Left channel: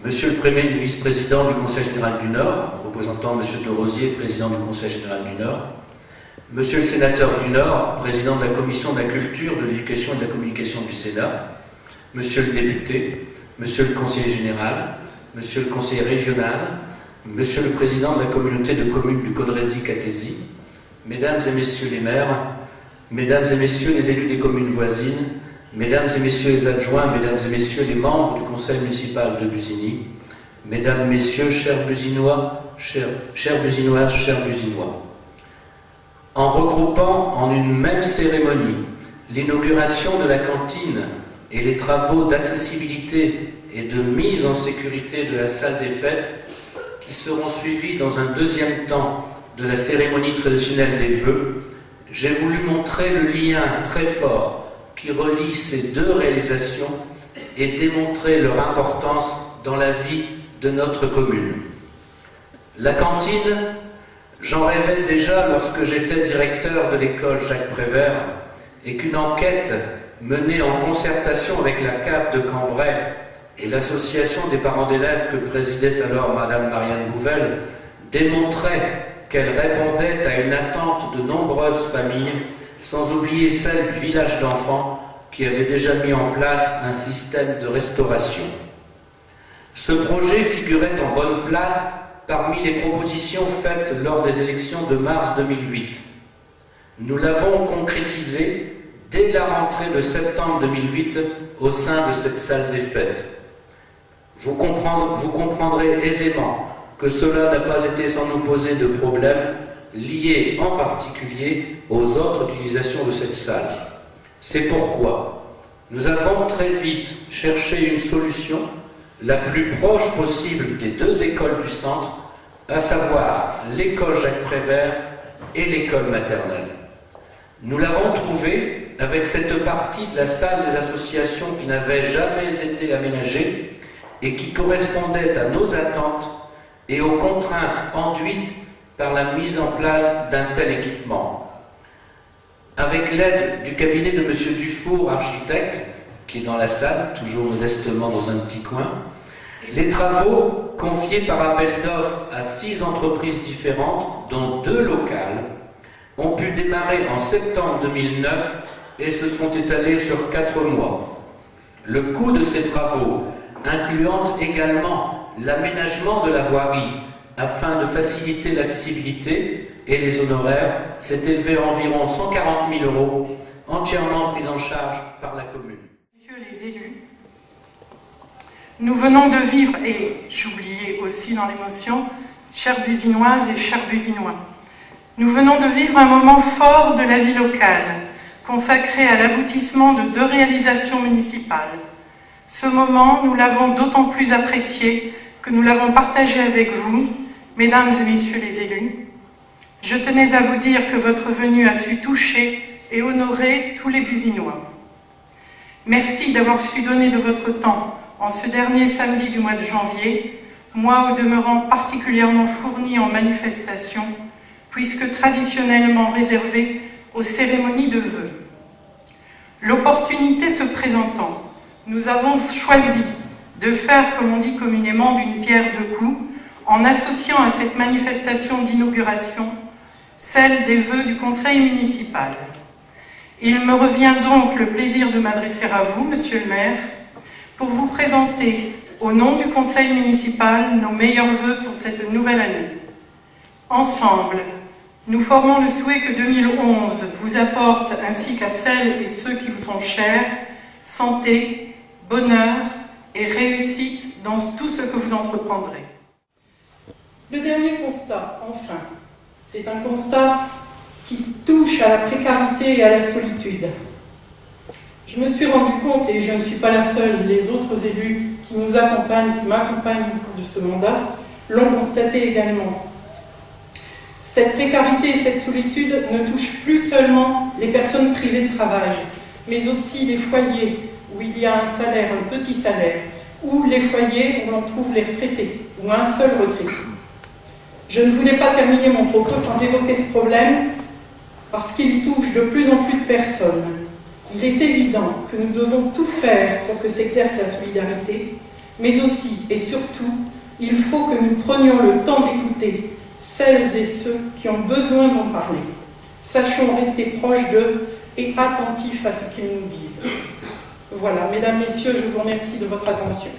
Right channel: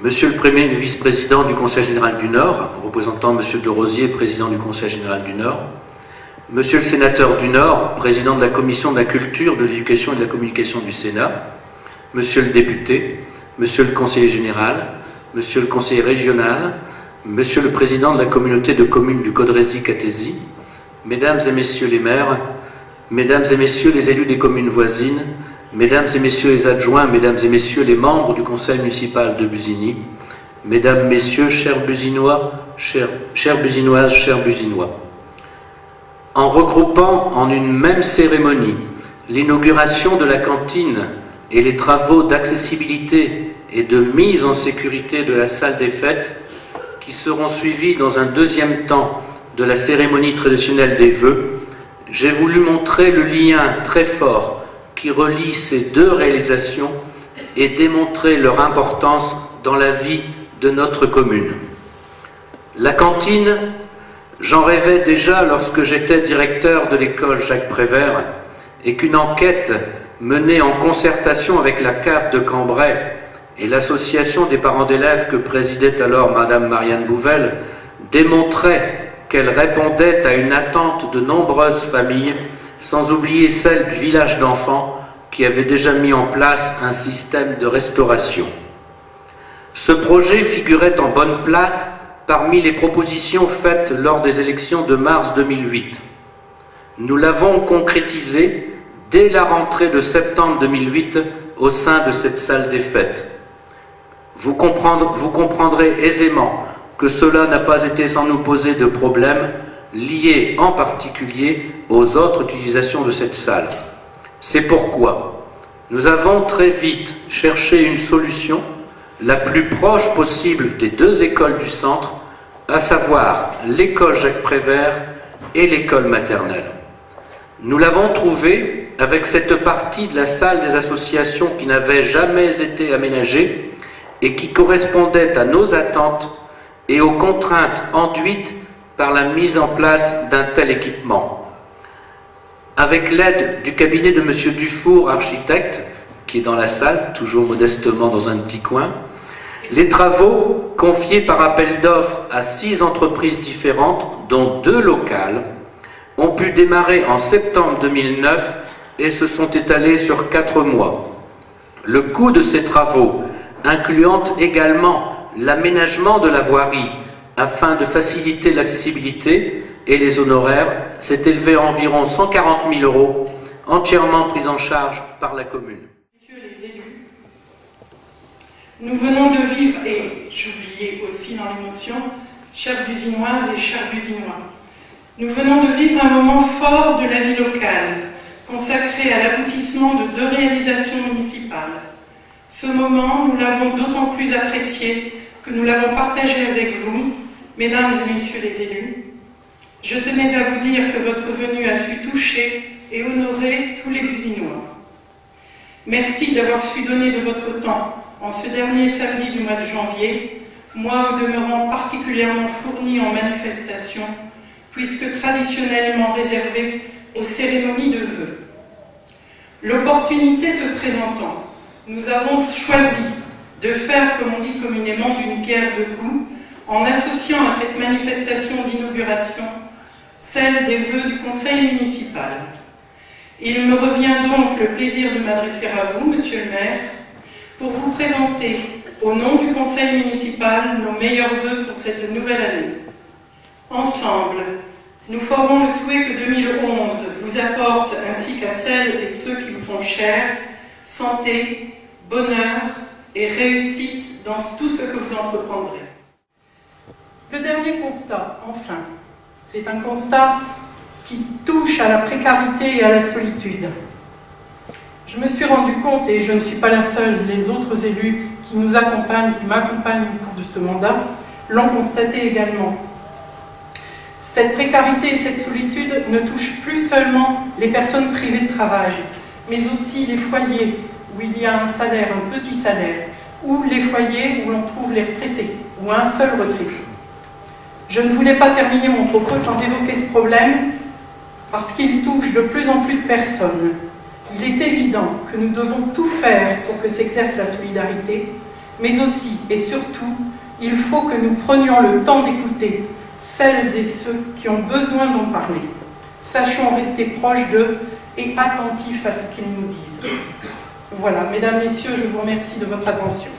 Monsieur le Premier vice-président du Conseil général du Nord, représentant Monsieur de Rosier, président du Conseil général du Nord, Monsieur le sénateur du Nord, président de la Commission de la Culture, de l'Éducation et de la Communication du Sénat, Monsieur le député, Monsieur le conseiller général, Monsieur le conseiller régional, Monsieur le président de la communauté de communes du Caudrésie-Cathésie, Mesdames et Messieurs les maires, Mesdames et Messieurs les élus des communes voisines, Mesdames et Messieurs les adjoints, Mesdames et Messieurs les membres du conseil municipal de Busigny, Mesdames, Messieurs, chers Businois, chères Businoises, chers Businois. En regroupant en une même cérémonie l'inauguration de la cantine et les travaux d'accessibilité et de mise en sécurité de la salle des fêtes, qui seront suivis dans un deuxième temps de la cérémonie traditionnelle des vœux, j'ai voulu montrer le lien très fort qui relie ces deux réalisations et démontrer leur importance dans la vie de notre commune. La cantine, j'en rêvais déjà lorsque j'étais directeur de l'école Jacques Prévert et qu'une enquête menée en concertation avec la CAF de Cambrai et l'association des parents d'élèves que présidait alors Madame Marianne Bouvel démontrait qu'elle répondait à une attente de nombreuses familles, sans oublier celle du village d'enfants qui avait déjà mis en place un système de restauration. Ce projet figurait en bonne place parmi les propositions faites lors des élections de mars 2008. Nous l'avons concrétisé dès la rentrée de septembre 2008 au sein de cette salle des fêtes. Vous comprendrez aisément que cela n'a pas été sans nous poser de problèmes liés en particulier aux autres utilisations de cette salle. C'est pourquoi nous avons très vite cherché une solution la plus proche possible des deux écoles du centre, à savoir l'école Jacques Prévert et l'école maternelle. Nous l'avons trouvée avec cette partie de la salle des associations qui n'avait jamais été aménagée et qui correspondait à nos attentes et aux contraintes enduites par la mise en place d'un tel équipement. Avec l'aide du cabinet de M. Dufour, architecte, qui est dans la salle, toujours modestement dans un petit coin, les travaux, confiés par appel d'offres à 6 entreprises différentes, dont 2 locales, ont pu démarrer en septembre 2009 et se sont étalés sur 4 mois. Le coût de ces travaux, incluant également l'aménagement de la voirie afin de faciliter l'accessibilité et les honoraires, s'est élevé à environ 140 000 €, entièrement pris en charge par la commune. Messieurs les élus, nous venons de vivre, et j'oubliais aussi dans l'émotion, chères Businoises et chers Businois, nous venons de vivre un moment fort de la vie locale, consacré à l'aboutissement de 2 réalisations municipales. Ce moment, nous l'avons d'autant plus apprécié que nous l'avons partagé avec vous, mesdames et messieurs les élus. Je tenais à vous dire que votre venue a su toucher et honorer tous les Businois. Merci d'avoir su donner de votre temps en ce dernier samedi du mois de janvier, mois au demeurant particulièrement fourni en manifestations, puisque traditionnellement réservé aux cérémonies de vœux. L'opportunité se présentant, nous avons choisi de faire, comme on dit communément, d'une pierre deux coups, en associant à cette manifestation d'inauguration celle des vœux du conseil municipal. Il me revient donc le plaisir de m'adresser à vous, monsieur le maire, pour vous présenter, au nom du conseil municipal, nos meilleurs vœux pour cette nouvelle année. Ensemble, nous formons le souhait que 2011 vous apporte, ainsi qu'à celles et ceux qui vous sont chers, santé, bonheur et réussite dans tout ce que vous entreprendrez. Le dernier constat, enfin, c'est un constat qui touche à la précarité et à la solitude. Je me suis rendu compte, et je ne suis pas la seule, les autres élus qui nous accompagnent, qui m'accompagnent au cours de ce mandat, l'ont constaté également. Cette précarité et cette solitude ne touchent plus seulement les personnes privées de travail, mais aussi les foyers où il y a un salaire, un petit salaire, ou les foyers où l'on trouve les retraités, ou un seul retraité. Je ne voulais pas terminer mon propos sans évoquer ce problème, parce qu'il touche de plus en plus de personnes. Il est évident que nous devons tout faire pour que s'exerce la solidarité, Mais aussi et surtout, il faut que nous prenions le temps d'écouter celles et ceux qui ont besoin d'en parler. Sachons rester proches d'eux et attentifs à ce qu'ils nous disent. Voilà, mesdames, messieurs, je vous remercie de votre attention.